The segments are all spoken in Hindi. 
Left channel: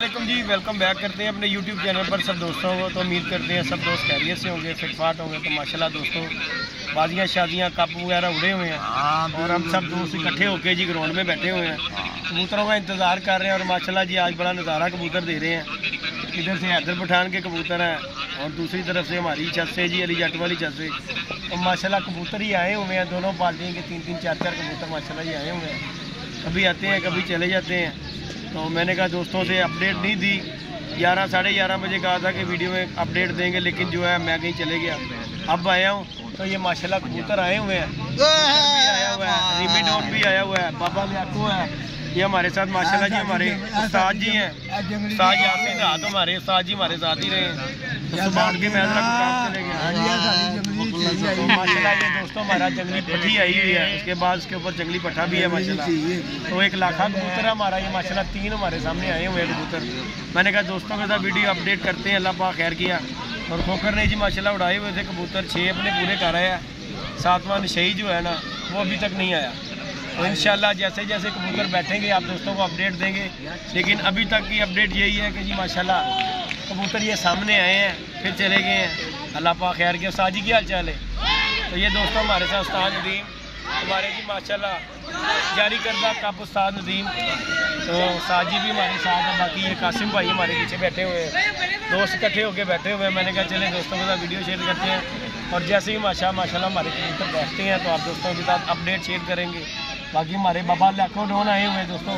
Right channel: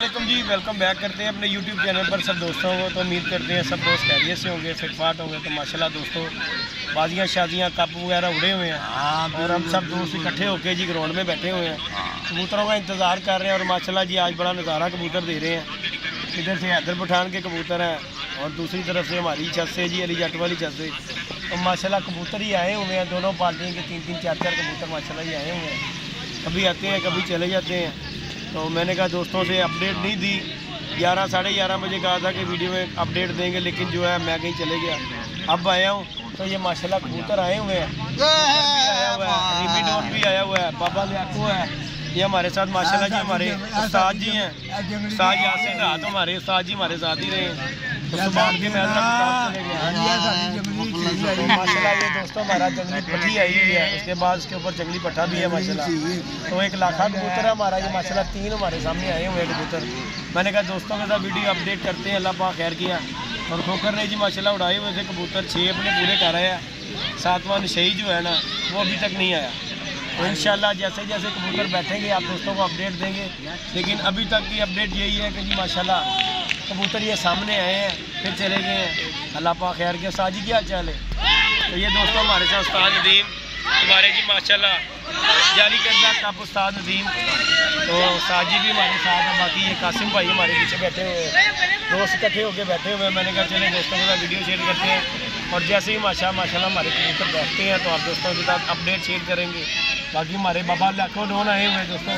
वालेकुम जी, वेलकम बैक करते हैं अपने YouTube चैनल पर सब दोस्तों को। तो उम्मीद करते हैं सब दोस्त खैरियत से होंगे, फिटफाट होंगे। तो माशाल्लाह दोस्तों, बाजियाँ शादियाँ कप वगैरह उड़े हुए हैं और हम सब दोस्त इकट्ठे होके जी ग्राउंड में बैठे हुए हैं, कबूतरों का इंतज़ार कर रहे हैं। और माशाल्लाह जी आज बड़ा नज़ारा कबूतर दे रहे हैं। इधर से हैदर पठान के कबूतर हैं और दूसरी तरफ से हमारी छत से जी अली जट वाली छत से। तो माशाल्लाह कबूतर ही आए हुए हैं, दोनों पार्टियों के 3-3 4-4 कबूतर माशाल्लाह ही आए हुए हैं। कभी आते हैं कभी चले जाते हैं। तो मैंने कहा दोस्तों से अपडेट नहीं दी, 11 साढ़े 11 बजे कहा था कि वीडियो में अपडेट देंगे, लेकिन जो है मैं कहीं चले गया। अब आया हूँ तो ये माशाल्लाह कबूतर आए हुए हैं, भी आया हुआ है, रिमीडोन भी आया हुआ है, बाबा लियाको है, ये हमारे साथ माशाल्लाह जी हमारे उस्ताद जी हैं, उस्ताद यासीन रात हमारे उस्ताद जी हमारे साथ ही रहे। तो सुबह के मैं काम चले गया। तो माशाल्लाह ये दोस्तों हमारा जंगली पट्टी आई हुई है, उसके बाद उसके ऊपर जंगली पट्टा भी है माशाल्लाह। तो 1 लाखा कबूतर है हमारा ये माशाल्लाह, 3 हमारे सामने आए हुए हैं कबूतर। मैंने कहा दोस्तों के साथ वीडियो अपडेट करते हैं, अल्लाह पाक खैर किया। और खोकर ने जी माशाल्लाह उड़ाए हुए थे कबूतर, 6 अपने पूरे कर रहे हैं। 7वां नशई जो है ना वो अभी तक नहीं आया। तो इंशाल्लाह जैसे जैसे कबूतर बैठेंगे आप दोस्तों को अपडेट देंगे। लेकिन अभी तक की अपडेट यही है कि जी माशाल्लाह कबूतर ये सामने आए हैं, फिर चले गए हैं। अल्लाह पाक खैर किया। उस्ताद जी की हाल चाल है? तो ये दोस्तों हमारे साथ उस्ताद नदीम हमारे जी माशाल्लाह जारी करदा कप उस्ताद नदीम। तो उस्ताद जी भी हमारे साथ हैं। बाकी ये कासिम भाई हमारे पीछे बैठे हुए हैं, दोस्त इकट्ठे होके बैठे हुए हैं। मैंने कहा चले दोस्तों के साथ वीडियो शेयर करते हैं। और जैसे ही माशाल्लाह हमारे कबूतर बैठते हैं तो आप दोस्तों के साथ अपडेट शेयर करेंगे। बाकी हमारे बाबा लाखों डोन आए हुए हैं दोस्तों,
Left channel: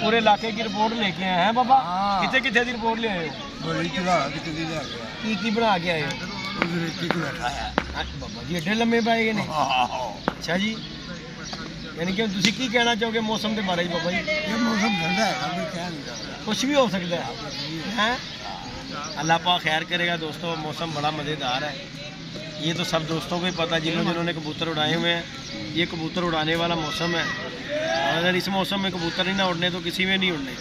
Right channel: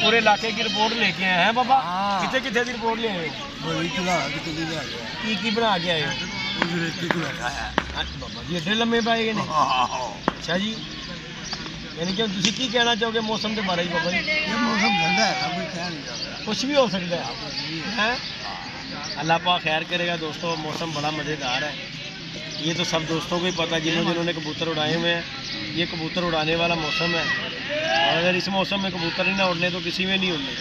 पूरे इलाके की रिपोर्ट लेके आए हैं। बाबा कितने कितने की रिपोर्ट ले आए हो? की बना के आए हो? बाबा जी एडे लम्बे पाए ने। अच्छा जी, यानी कि तुम की कहना चाहोगे मौसम के बारे में? बाबा जी ये मौसम ठंडा है, कोई कह नहीं सकता, कुछ भी हो सकता है। अल्लाह पाक खैर करेगा दोस्तों। मौसम बड़ा मज़ेदार है, ये तो सब दोस्तों को ही पता जिन्होंने कबूतर उड़ाए हुए हैं। ये कबूतर उड़ाने वाला मौसम है, और अगर इस मौसम में कबूतर ही ना उड़ने तो किसी में नहीं उड़ने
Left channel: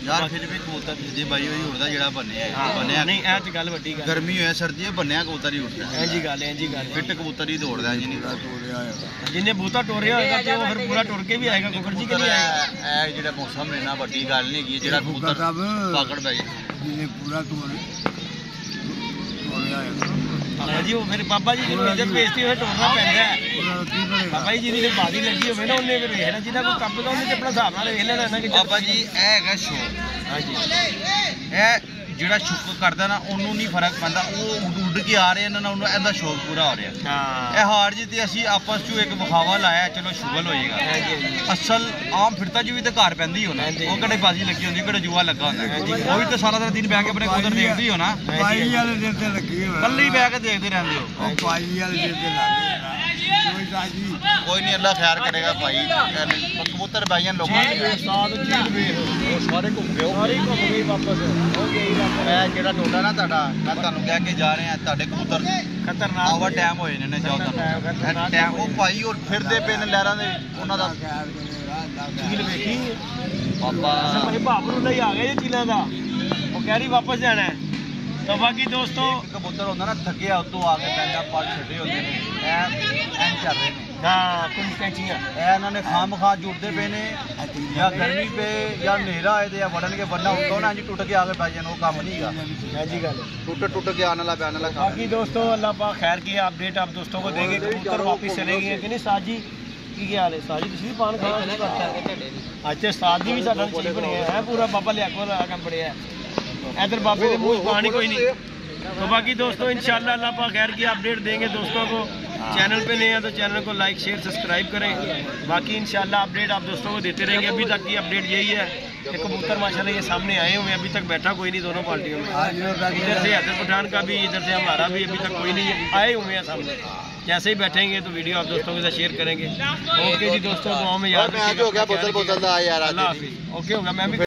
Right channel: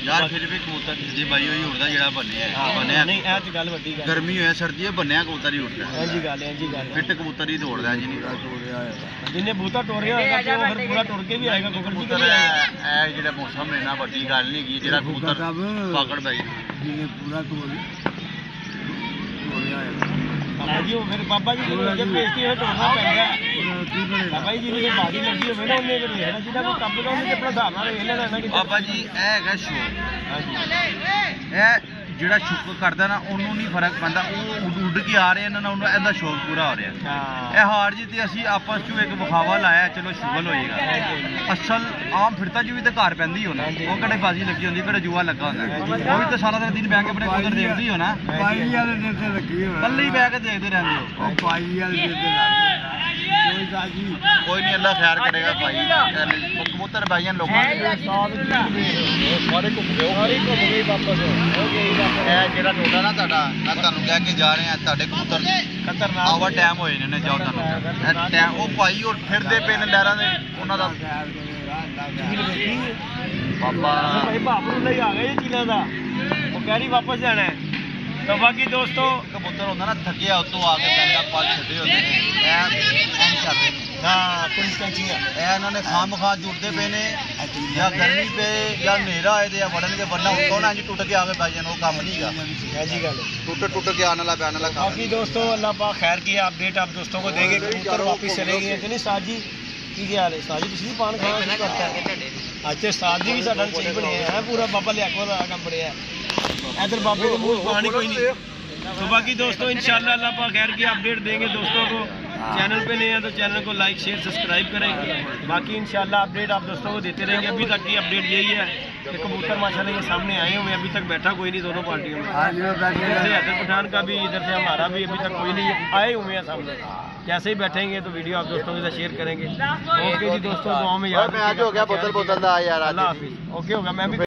यार। फिर भी कबूतर जी भाई ही उड़दा जेड़ा बनया नहीं ऐ ते गल वड्डी गल। गर्मी होए सर्दी है बनया कबूतर ही उड़दा है। जी गल है, जी गल फिट कबूतर ही दौड़दा है। जिन्हें बूता टोरिया होएगा ते वो फिर पूरा टुर के भी आएगा। कुकर जी के लिए आएगा। ए जेड़ा मौसम है ना बड़ी गल नहीं की, जेड़ा कबूतर पकड़ पाई जिन्हें पूरा टोरिया आएगा। बाबा जी वो फिर बाबा जी जो इज्जत बेइज्जती होए टोरना पैंदा है। बाबा जी जिन्हें बाजी लगी होवे ना उन्हें फिर वेखना, जिन्हें कोई कप दा उन्हें अपना हिसाब नाल वेख लेना ना कि बाबा जी ए हैगा शौक। हां जी, ए जेड़ा शुक करदा ना ओनू नहीं फर्क पैंदा, वो उड़ के आ रहे हैं ना, उन्हें एदा शौक पूरा हो रहा है। हां ए हार जी ते असि आपस च एक विखावा लाया, चलो शुगल होएगा। हां जी, असल आम फिरता जी भी ते घर पैंदी हो ना, वो कदे बाजी लगी होंदी, कदे जुआ लगा होंदा। वो भी ते सारा दिन बैठ के अपने कबूतर देखदी हो ना। पाई वाले दिन ते लगी हो, कल्ले ही बैठ के देखते रहंदे हो। ओ पाई वाले दिन ते लगी कोई नहीं, अल्लाह खैर करेगा भाई। कबूतर भाइयों लोगों सारे घूम गए वापस। जेड़ा टोटा ना तुहाडा मैं तुहानू कह के जा रहे हैं, तुहाडे कबूतर खतरनाक ओवर टाइम होए ने। जाओ तुहानू ओ भाई और फिरदे पे ने लहरां दे उन्हां दा चील वेखी बाबा भाई बाबरू ले आ गए चीलां दा, वो कह रही वापस जाना है। तो बाकी दोस्तों कबूतर होंदा ना थकिया उतों आके बैंडा पल छड्डे होंदे ने, ऐ चल रहे ने। हां कुछ कैचियां ऐ इन्होंने खाम खा जुड़दे पे ने, या गर्मी पे या नेरा आए ते या वड़नगे वरना उतों ना जी टुट के आके बैठ जान, वो काम नहीं गा। है जी गल टुट के आने वाला बैन वाला। बाकी दोस्तों अल्लाह पाक खैर किया, अपडेट आप दोस्तों को देंगे। कबूतर वापस चले गए कि नहीं? साथ जी की हाल है? साथ जी तुसीं पान खाना शुरू करता है अच्छा? साथ जी भी साडा नसीब बने हैं, पूरा बाबा लियाको दा काम बढ़िया है। इधर बाबे के मुँह पानी कोई नहीं। तो बाकी दोस्तों इंशाल्लाह अल्लाह पाक खैर की अपडेट देंगे दोस्तों को। चैनल पे नए हैं तो चैनल को लाइक शेयर सब्सक्राइब करें। बाकी इंशाल्लाह अपडेट आप दोस्तों को देते रहेंगे। अभी तक की अपडेट यही है कि कबूतर माशाल्लाह ये सामने आए हुए हैं, अभी तक बैठा कोई नहीं दोनों पार्टियों में। इधर से हैदर पठान का भी, इधर से हमारा भी अभी तक कोई नहीं आए हुए हैं सामने। जैसे ही बैठेंगे तो वीडियो आप दोस्तों के साथ शेयर करेंगे। ओके जी दोस्तों, दुआओं में याद रखिएगा। अल्लाह हाफिज़। ओके होगा मैं भी